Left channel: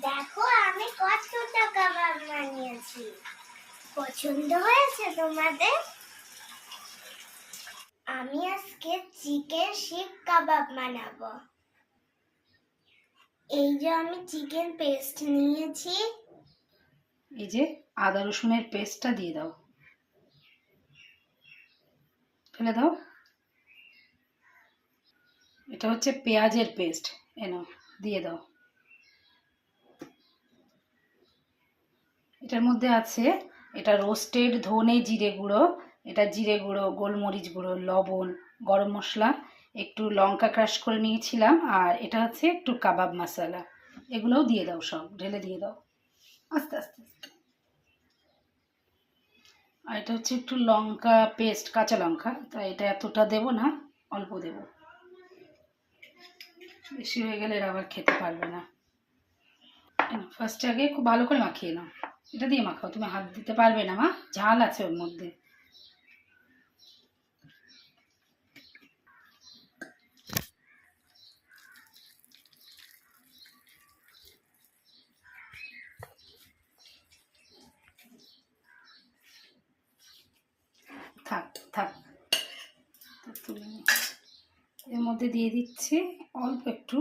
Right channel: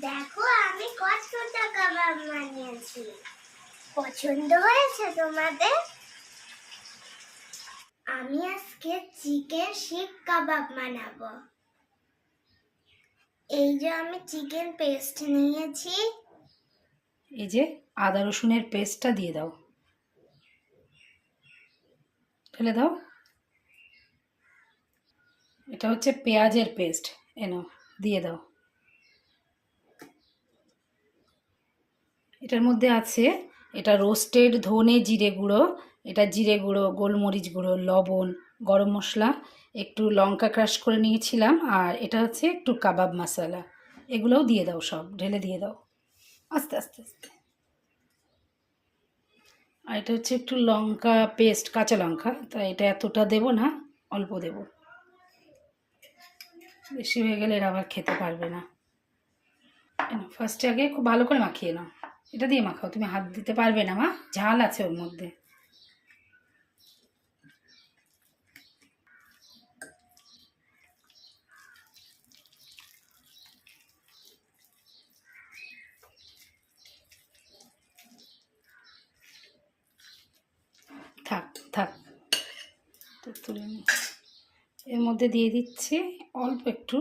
দেখো, আমি কতটা কাবাব বানিয়েছি। পছন্দ হয়েছে তোমাদের? আমি আজকে চিকেন শিক কাবাব বানাবো। এই যে আমি চিকেন পেস্ট নিয়েছি। এই যে আদা রসুনের পেস্টটা দিয়ে দাও। ফেলে দাও। এটা হচ্ছে পেঁয়াজের পেস্ট। এনো, দিয়ে দাও। এটার মধ্যে আছে এটা রোস্টেড ধনে জিরে গুঁড়ো, এটা জিরে গুঁড়ো, গোলমরিচ গুঁড়ো, লবণ, গরম মশলা, একটু লঙ্কা ক্রাশ করে নিয়েছিলাম আর এটা হচ্ছে একটু কাবাব মশলা এগুলোও দিয়ে দাও সব, ঢেলে দিয়ে দাও। আস্তে আস্তে আস্তে। আর এটা হচ্ছে একটু লঙ্কা পেস্ট কাঁচা লঙ্কা, তা এটা এতটা দেব না, অল্প দেব। বেশি হয়ে গেলে আবার খেতে পারবে না। ফার্স্টে আগে খুব ভালো করে মাখিয়ে নাও। এটা দিয়ে মাখাও তুমি হাত দিতে পারবে না মা ঝাল আছে ওর মধ্যে। থাক থাক। তো তুলে নি। এর মধ্যে দিয়ে দিচ্ছি অল্প একটু।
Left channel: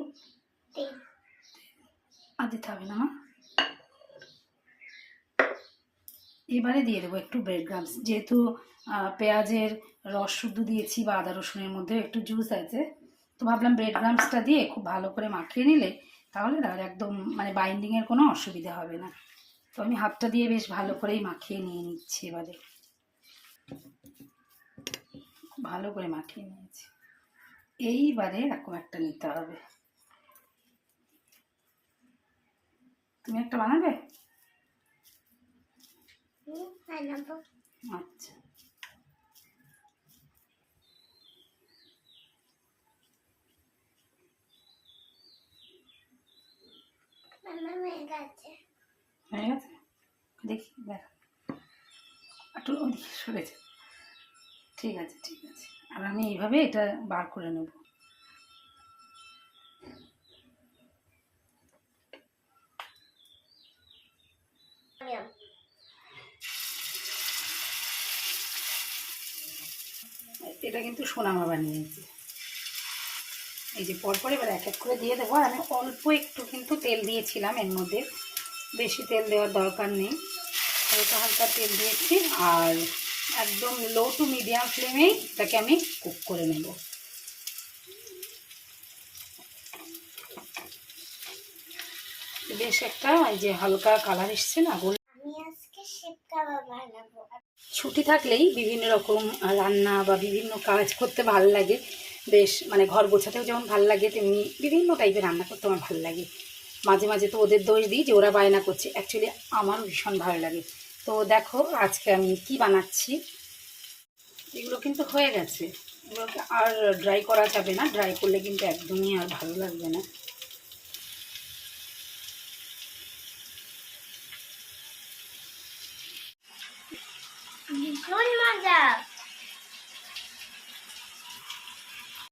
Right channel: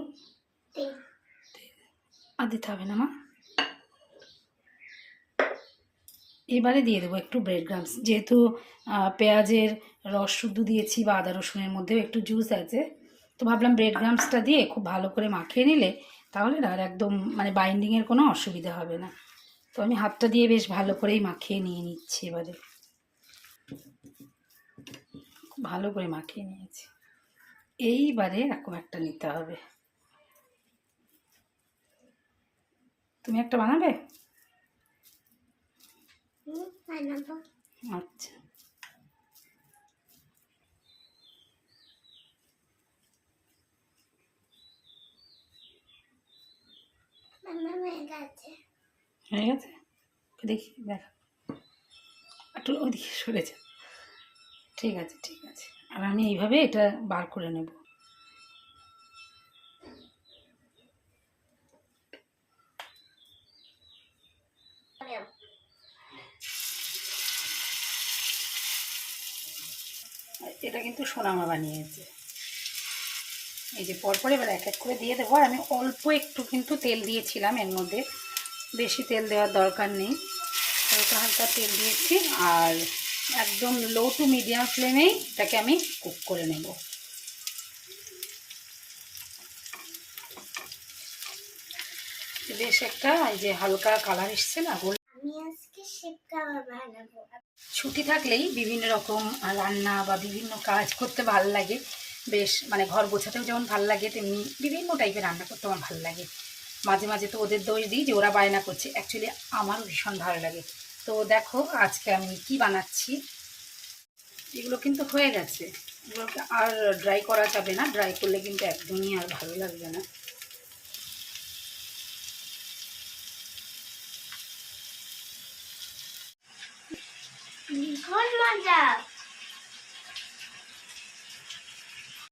আর দিতে হবে না মা। এবারে দিয়ে দেবো একটু ব্রেড গ্রামস যেহেতু পেঁয়াজের রস শুদ্ধ দিয়েছি বা আদা রসুনের মধ্যেও একটু জুস আছে, তো ভাবলাম ব্রেড গ্রামসটা দিয়ে খুব ভালো করে মাখিয়ে নিলে তাহলে আর একদম মানে বাইন্ডিংয়ের কোনো অসুবিধা হবে না। তো আমি হাতটা দিয়ে বেশ ভালো করেই মাখিয়ে নিয়ে নিচ্ছি এবারে। খুব ভালো করে মাখিয়ে নিয়েছি। এইবারে এরকম একটা নিতে হবে। তুমি একটা বানাবো? আচ্ছা। দেখি, দেখ। একটু ঠিক আছে ঠিক আছে। আর আমি এইভাবে এটা বার করে নেব। এটা কিন্তু সোনামা বানিয়েছে এই যে পরপর এবার এক এক করে দিয়ে দেবো। আর আমি অল্প একটু কিন্তু তেল দিয়েছিলাম এর মধ্যে। বেশি তেল দেওয়ার দরকার নেই। হালকা হালকা তেল দিয়েছি। আর একদম লো টু মিডিয়াম ফ্লেমেই এটাকে আমি কুক করে নেব। বেশ একটা, এই যে হালকা কালার এসছে না আমি আজকে কাবাব বানাবো। ছুটি থাকলেই বিভিন্ন রকম রান্না বা বিভিন্ন কাজ করতে ভালো লাগে। বেশ মানে ঘর গোছাতেও যেমন ভালো লাগে, তেমনি বিভিন্ন টাইপের রান্না করতে আমার ভালো লাগে। মাঝে মাঝে তো ওদের দোষ দিই যে ওরা বায়না করছে। অ্যাকচুয়ালি আমারও ভীষণ ভালো লাগে। তো দেখো আজকে আমি কি বানাচ্ছি। এগুলো কিন্তু হয়ে গেছে। এগুলোকে আর ড্রাই করা যাবে না। ড্রাই করলে কিন্তু একদমই আর ভালো লাগবে না। ভীষণ মজা